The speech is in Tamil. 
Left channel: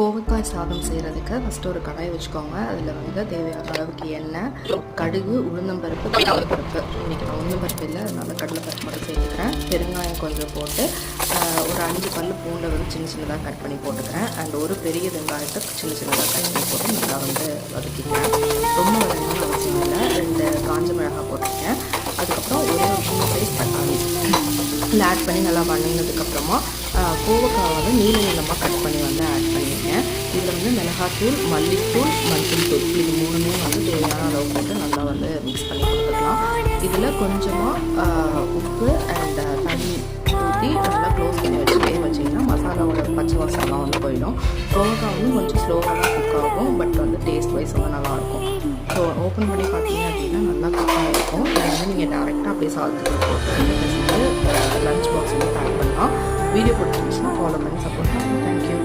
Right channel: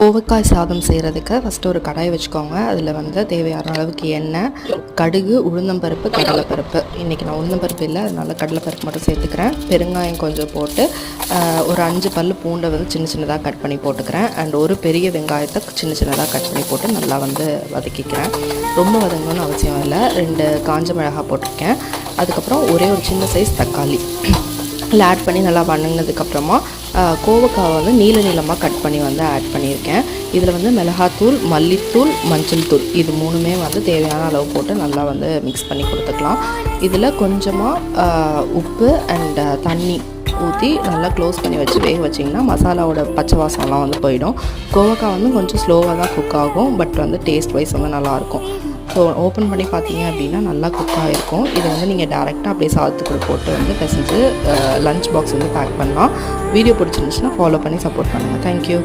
கோவக்காய் சாதம் செய்கிறதுக்கு ஃபஸ்ட்டு ஒரு கடாய் வச்சுக்கோங்க. அதில் வந்து தேவையான அளவுக்கு எண்ணெய், கடுகு, உளுந்தம்பருப்பு, கடலைப்பருப்பு. இன்றைக்கி நான் உளுந்தம்பருப்பு இல்லை, அதனால் கடலைப்பருப்பு மட்டும் சேர்த்துக்கிறேன். பெருங்காயம் கொஞ்சம் போட்டு ஒரு 5 பல் பூண்டை வந்து சின்ன சின்னதாக கட் பண்ணி போட்டுக்கிறேன். அண்ட் ஒரு பெரிய வெங்காயத்தை சின்ன சின்னதாக கட் பண்ணி போட்டு நல்லா வந்து வதக்கிக்கிறேன். ரொம்ப வதங்கணும்னு அவசியம் இல்லை. 2 காஞ்ச மிளகாய் போட்டிருக்கேன். அதுக்கப்புறம் ஒரே ஒரு சின்ன சைஸ் தக்காளி இல்லை ஆட் பண்ணி நல்லா வணங்கினதுக்கப்புறமா கோவக்காய் வந்து நீளமாக கட் பண்ணி வந்து ஆட் பண்ணியிருக்கேன். இதில் வந்து மிளகாத்தூள், மல்லித்தூள், மஞ்சள் தூள் இது 3மே வந்து தேவையான அளவு போட்டு நல்லா வந்து மிக்ஸ் பண்ணி கொடுத்துக்கலாம். இதில் கொஞ்சமாக உப்பு அண்ட் தண்ணி ஊற்றி நல்லா க்ளோஸ் பண்ணி வச்சு வேக வச்சிங்கன்னா மசாலாவோட பச்சை வாசம்லாம் வந்து போயிடும். கோவக்காய் வந்து கொஞ்சம் ஸ்லோவாக தான் குக் ஆகும், பட் வந்து டேஸ்ட் வைஸ் வந்து நல்லாயிருக்கும். ஸோ ஓப்பன் பண்ணி பார்த்தீங்க அப்படின்னா நல்லா குக் ஆகிருக்கும். இதை வந்து நீங்கள் டேரெக்டாக அப்படியே சாதத்துக்குள்ள போட்டு வந்து பிசைஞ்சு லஞ்ச் பாக்ஸ் வந்து பேக் பண்ணலாம். வீடியோ பிடிச்சிருந்துச்சுன்னா ஃபாலோ பண்ணி சப்போர்ட் பண்ணுங்கள். தேங்க்யூ.